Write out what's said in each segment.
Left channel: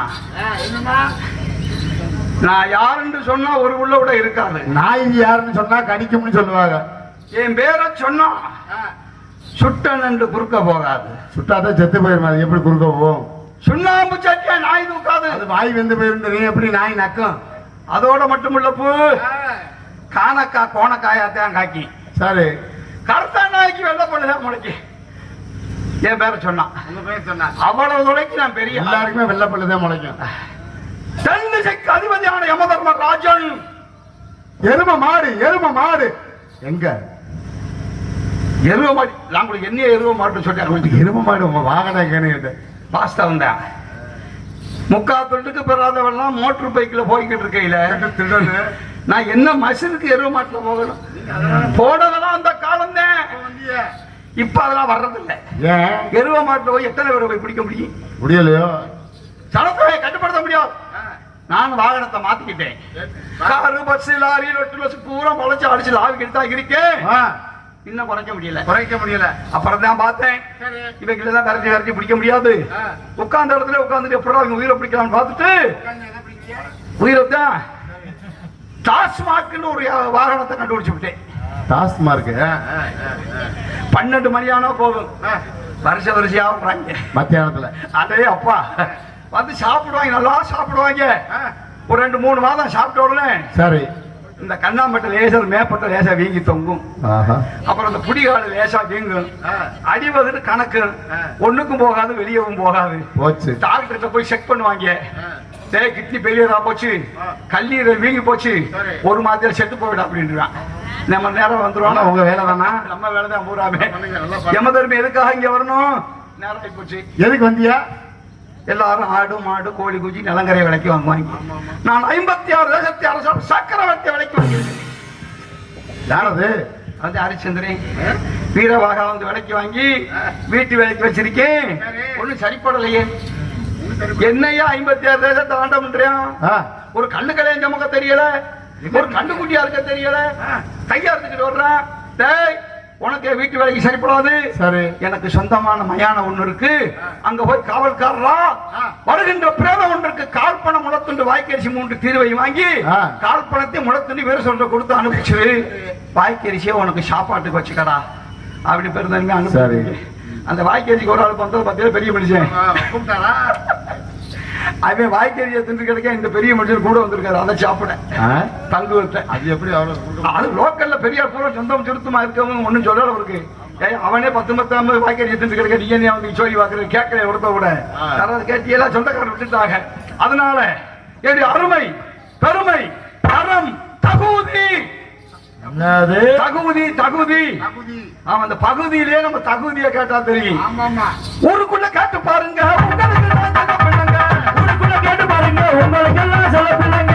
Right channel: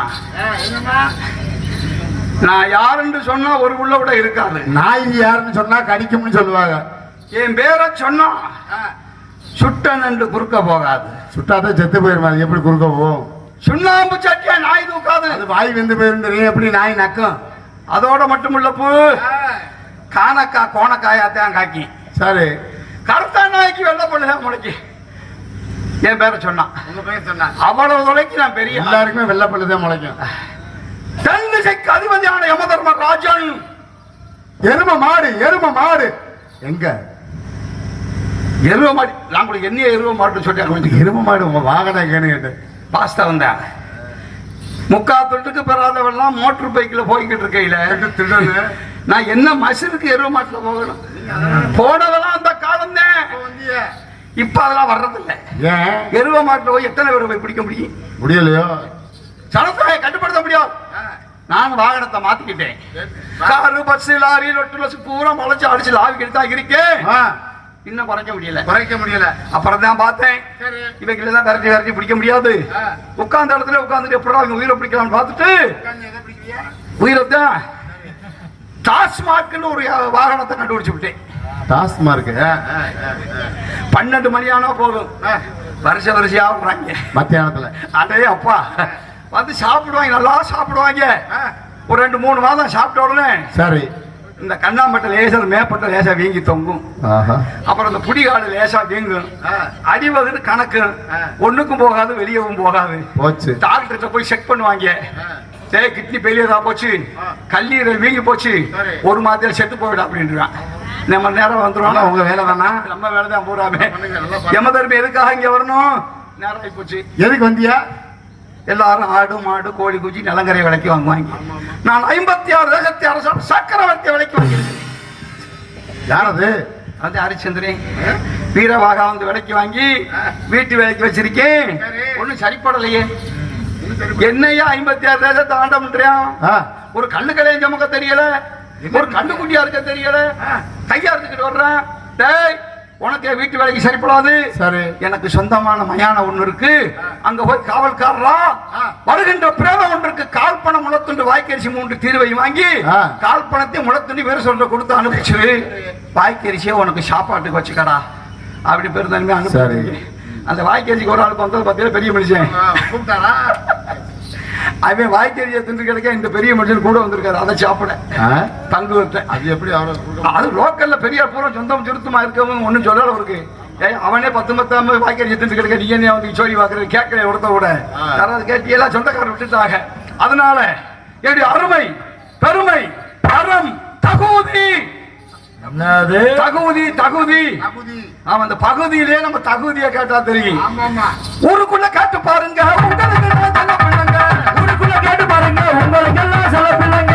நானா? நான் யாருன்னு சொன்னா ஒரு உள்ள கூட இருக்காது. நாய் யாருன்னு சொன்னா கடிக்கும்னு சொல்லுவாங்க. என் பேரை சொன்னா சுட்டன் என்று குறுக்க போகாது. சுட்டாதான் செத்து போயிருமா, அது எப்படி குறுக்க போகும்? சுண்ணாம்பு சட்டியா நாய் தூக்காது. அது வாய் வெந்து போயிருந்தது எப்படி நாய் நக்கும்? அதோட மட்டும் இல்ல பூ, காணக்கா கோணக்காயாத்தான் காக்கி. சரி, கருத்தா நாய்க்கு வெள்ள பண்ணதான் முளைக்கு. என் பேரை சொன்னா அவ்வளவு தொலைக்கு நான் பெரிய. எல்லாருக்குமே வெள்ள பல்லுதான் முளைக்கும். தென் திசைக்கு அதிபதியான யமதர்ம ராஜன். எரும மாடு, எரும மாடு எங்க? எருவ மாடு. நான் கூட என்ன எருவ மாடுன்னு சொல்லி எரும மாடு உங்க வாகனம் எங்கன்னு கேட்டு பாஸ்தா வந்தேன். முக்காத்துக்கு பெறாதவெல்லாம் மோட்டர் பைக்ல போய்கிட்டு இருக்கையில நான் என்ன மசினுக்கு எருவ மாட்டுல போகணும்? போனதெல்லாம் அந்த காலம் தான். இப்ப அதெல்லாம் வர்றதில்லை. ஏன்? எருவ மாட்டுல போய் எத்தனை பேரை போய் பிடிக்க முடியும்? முடியலையோ? சரக்குகளை கட்டுப்படுத்த முடியாது. நான் வாகனத்தை மாத்திக்கிட்டேன். காரு, பஸ், லாரி, ரொட்டு பஸ் பூரா முளைச்சு அடிச்சு லாவி கிட்டா இருக்கேன். இன்னும் குறைக்க முடியல. அப்புறம் தான் பார்த்தேன், இவங்களை தான் விரட்டி பிடிக்க முடியாது. உட்கார்ந்த இடத்துல உட்கார்ந்துட்டு எப்படா அவங்க உயிரை பிடிக்கலாம்னு பார்த்துட்டு உயிரத்தான் டாஸ்மார்க்னு ஒரு வாகனத்தை கண்டுபிடிச்சு விட்டேன். டாஸ்மார்க் 12 மணி ஆனா போதும், வரிசையா வர்றாங்க மத்தியானத்துல. அதே அப்பா வந்து சாப்பிடுவாங்க, நல்லா சாப்பிடுவாங்க. ஒரு 2-3 மாதம் சாப்பிட்ட உடனே சரி இந்த கண்ணாம்பட்ட லேசர் மேப்பட்ட லேசா வீங்கி தொங்கும். அப்புறம் இந்த புடிகாடு லேசா வீங்கும். அடிவகுன்னு கணக்கு ஒண்ணுக்கும் போகாது, வெளியவும் போகாது. டாக்டர்கிட்ட போய் செக் பண்ணுவாங்க. சரி, கிட்னி பெரியதா போச்சு, கல்லீரல் வீங்கி போச்சு, ஒரு மாதத்துல செத்து போயிடும் அப்படின்றான். நம்ம நேரம் வந்துருவாங்க. உங்க வேலை தானா? நம்ம வேலை தான் பூராமே. யமதர்மி எதுக்காக இங்க வரணும்? நேரம் ஆகி போச்சு. எதுக்கு வந்தியா? எல்லாரும் ஆடு, மாடு, கோழி, குச்சி, நிலங்கரை விலைக்கு வாங்குவாங்க. நான் 56 தேசத்தை அரசாங்க சக்கரவர்த்தி விலைக்கு வாங்கியிருக்கேன். யாரது? அது ஹரிச்சந்திரன் வீரவாகா வந்து விலைக்கு வாங்கி வீட்டு வேலைக்கு வச்சிருக்கேன். ஒன்னும் சரிப்படலையே. என்னையா 56 தேசத்தை ஆண்ட பண்றியான்? ஒரு கண்ணு கலையை சமக்க தெரியல, ஒரு கண்ணு குட்டியா இருக்க தெரியல, கையா இருந்துட்டு வர்றான். டேய், உனக்கு வீட்டு வேலைக்கு சரிப்படாது. சரி, எனக்கு சொந்தமான மயான ஒண்ணு இருக்கு, அங்க போய் காவல்காரரா வருகின்ற பிரேதம் ஒன்றுக்கு கால் பணம் முளத்துண்டு வாய்க்கரிசி 3 தீர்வை வாங்கி கால் பணத்தை முளத்துண்டு வேறு சொல்ற கொடுத்து அனுப்பிச்சு வாய்க்கரிசியை உனக்கு சாப்பாட்டுக்கு வச்சுக்கடா அப்படி பெருந்தன்மை அனுப்பி. அந்த வாய்க்கரிசிக்கு ஒரு ஆள் வந்து பார்த்தீங்கன்னா பெரிய மனுஷன். அவன் வாய்க்கரிசியை தின்று கிடைக்க இந்த பெரிய மனுஷன் கூட வந்திருக்காரு. அதை சாப்பிட தங்குவத்தை. அது எப்படி? அது லோக்கல்ல பெரிய பூரா சொந்தம் திருத்தமா இருக்கவங்க ஒன்னும் சொல்லல இருக்கு. அவனே 10-10 வாய்க்கரிசி தின்று கிடைக்க நீ என்ன வந்து சொல்லி பாக்குறது கேட்கல ஒருத்த கூட. யாராவது கேட்டியெல்லாம் சொந்தக்காரர் விட்டுட்டாங்க. அதனால என்னுடைய அருமை, பெருமை, தரம், தகுதி, தகுதி ஆமா, அந்த பகுதியிலே நம்ம தகுதியை கேட்டா தெரியும். ஊருக்குள்ள கேட்டு பாருங்க, ஊருக்குள்ள கேட்டு பாருங்க, உங்களுக்கு எல்லாம் சொல்ல பிள்ளைங்க.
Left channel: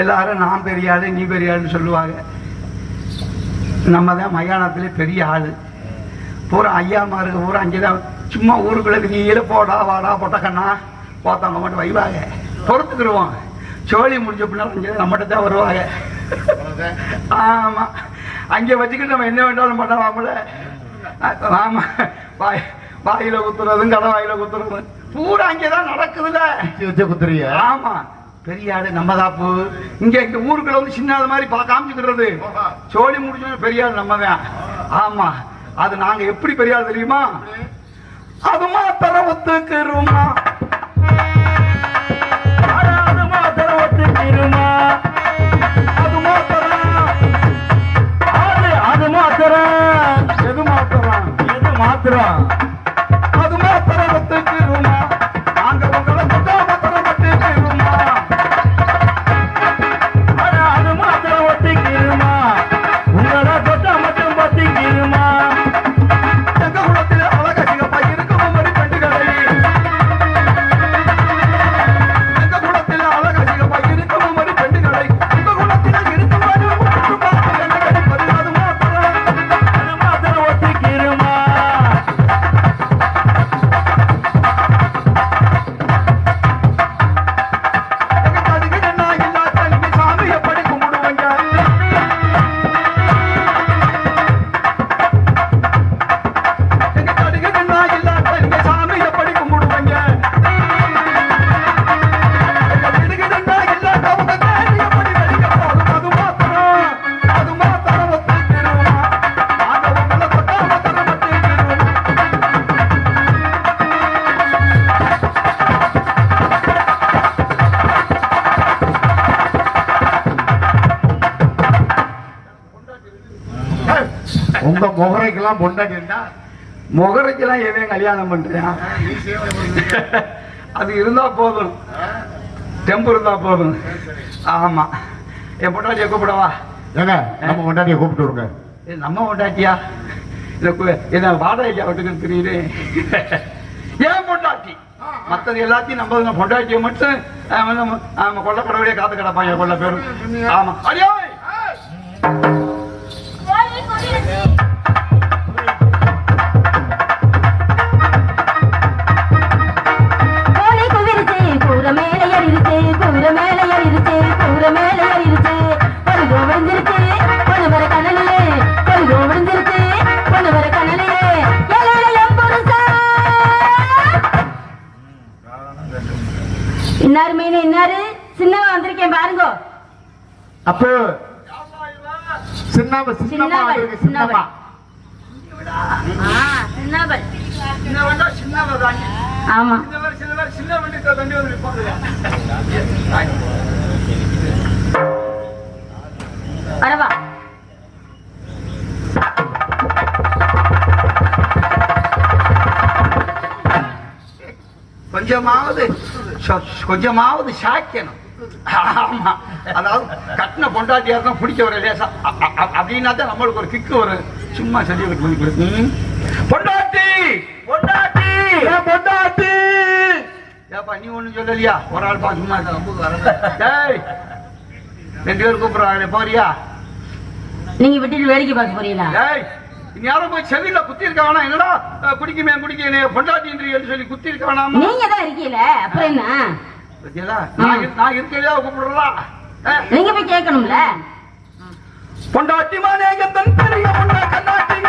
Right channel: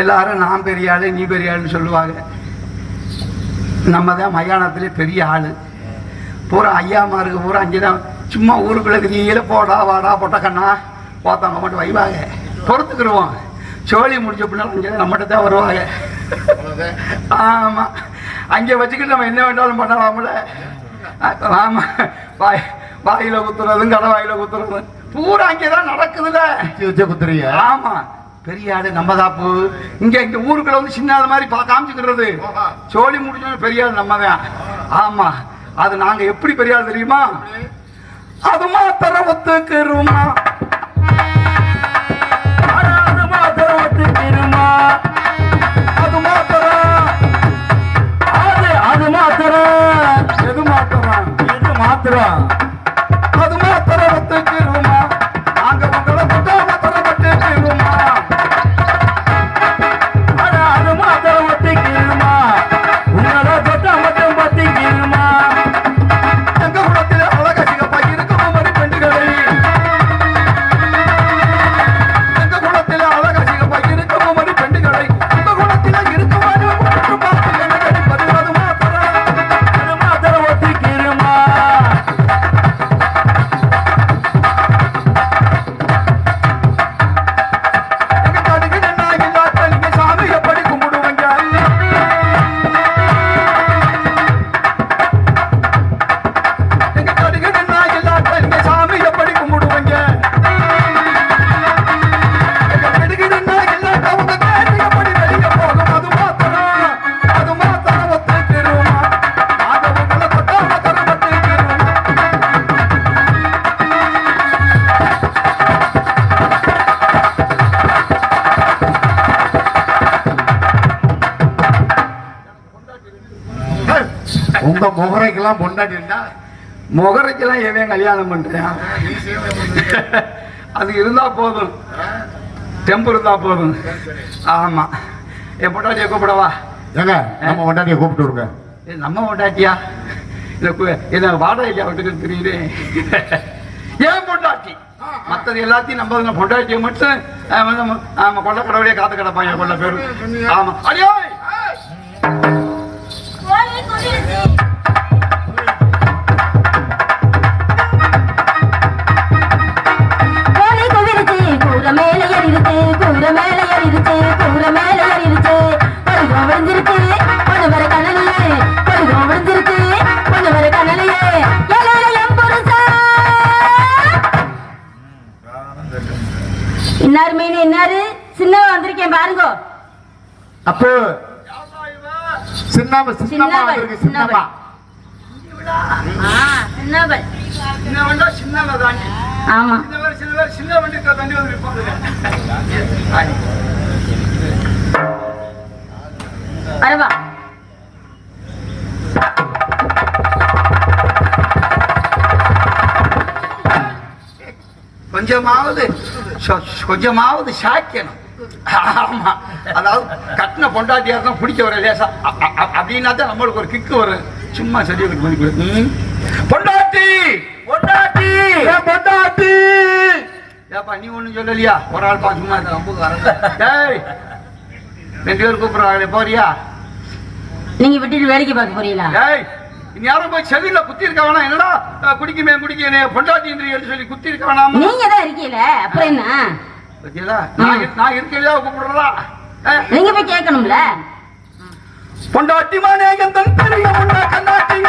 எல்லாரும் நான் பெரிய ஆளு, நீ பெரிய ஆளுன்னு சொல்லுவாங்க. நம்ம தான் மயானத்திலே பெரிய ஆளு. பூரா ஐயாமாருக்கு பூரா அங்கேதான் சும்மா ஊருக்குள்ள கீழே போடா வாடா பொட்டக்கண்ணா பார்த்தவங்க மட்டும் வைவாங்க, பொறுத்துக்கிடுவோம். சோழி முடிஞ்ச பின்னாலும் அங்கே நம்மகிட்ட தான் வருவாங்க. ஆமா, அங்கே வச்சுக்கிட்டு நம்ம என்ன வேண்டாலும் பண்ணலாம்ல. ஆமா, வாயில குத்துறதும் கடை வாயில குத்துறதும் பூரா அங்கேதான் நடக்குதுல்ல. குத்துறிய? ஆமா, பெரிய ஆடு நம்ம தாப்பு. இங்க இந்த ஊருக்குள்ள வந்து சின்ன மாதிரி காமிச்சுக்கிறது. சோழி முடிஞ்ச பெரிய ஆள் நம்ம தான். ஆமா, அது நாங்க எப்படி பெரிய ஆள் தெரியுமா? அது மாத்திர ஒத்துக்கிறோமா, அது மாத்திர ஒத்துக்கிறோமா, அது மாத்திர அது மாத்திர எது மாத்திரம் எது மாத்திரம் அது மாத்திர ஒத்துக்கிறோமா, நாங்க உங்களை மக்கள் மாத்திர ஒத்துக்கிறோமா, அது மாத்திர ஒத்துக்கிறோமா, உங்களை தொட்ட மட்டும் பத்திக்கிறோமா, எங்க குளத்தில் அழகா சிகப்பா இருக்கும் மாதிரி பெண்டுகளை உங்க முகரைக்கெல்லாம் பொண்டாட்டி இருந்தா முகரைக்கெல்லாம் எவன் கல்யாணம் பண்றேன்? அது இருந்தா போதும், டெம்பு இருந்தா போதும். ஆமா, என் பொண்டாட்டியை கூப்பிடவா? ஏங்க நம்ம பொண்டாட்டியை கூப்பிட்டு விடுங்க. நம்ம பொண்டாட்டியா? இதை வாடகை விட்டுக்கு தெரியுது. ஏன் பொண்டாட்டி? மற்றது எல்லாத்தையும் நம்ம பொண்டாட்டியை மட்டும் கொள்ள கடவுளே காத்து கிடப்பான் என் கொள்ள பேரு. ஆமா, அடியே இன்னாரு மீன் இன்னாரு சின்னவா வந்திருக்கேன் பாருங்க. அப்போ சின்னவ சின்னவா வந்திருக்கு. சின்னவா சின்னவள் சின்னவன். ஆமா சின்ன வண்டிக்கு தண்ணி வந்து வரவா. கொஞ்சமாவது சாக்கியணும். ஆமா, அதாவது கட்டின பொண்டாட்டியா இருக்கும் பிடிக்க வர லேசா அப்படின்னா தான் நம்மளுக்கு ஒரு கிக்கு வரும். சும்மா செடி பண்ணி பொண்டாட்டி பொண்டாட்டி பொண்டாட்டி ஏப்பா நீ ஒண்ணு சொல்லலையா? ஒரு ஆள் சும்மா அம்புக்கு வர 2 பேர் கூப்பிடுறாங்க, போறியா? நீங்க விட்டுட்டு வேலைக்கு பார்க்க போறீங்களா? யாரும் போய் செல்லில குத்தி இருக்க வேணாம். என்னடா குடிக்குமே குடிக்க பொண்டாட்டி சொல்லி குத்தி இருக்க வேணாம். நீங்க தான் இருக்கீல, அப்புறம் என்ன? நான் இருக்கலையா கூப்பிடுறா? நீங்க போய் கேட்கணும்ல. பொண்டாட்டி மானே தெரிய கண்ணாட்டிங்க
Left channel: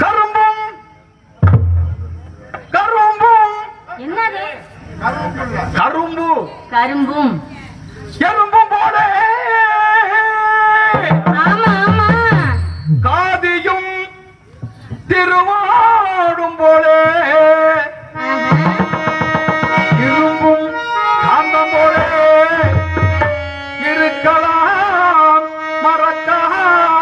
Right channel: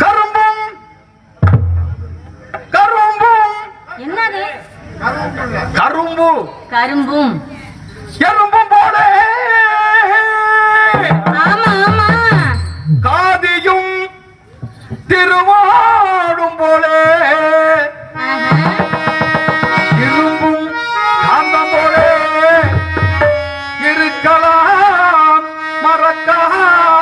கரும்பும் கரும்பும் என்னது? கரும்பு கரும்பும் எறும்பும் போல. ஆமா ஆமா. காதியும் திருவாடும் போல. இரும்பும் காந்தம் போல இருக்கலாம் மறக்காமலே.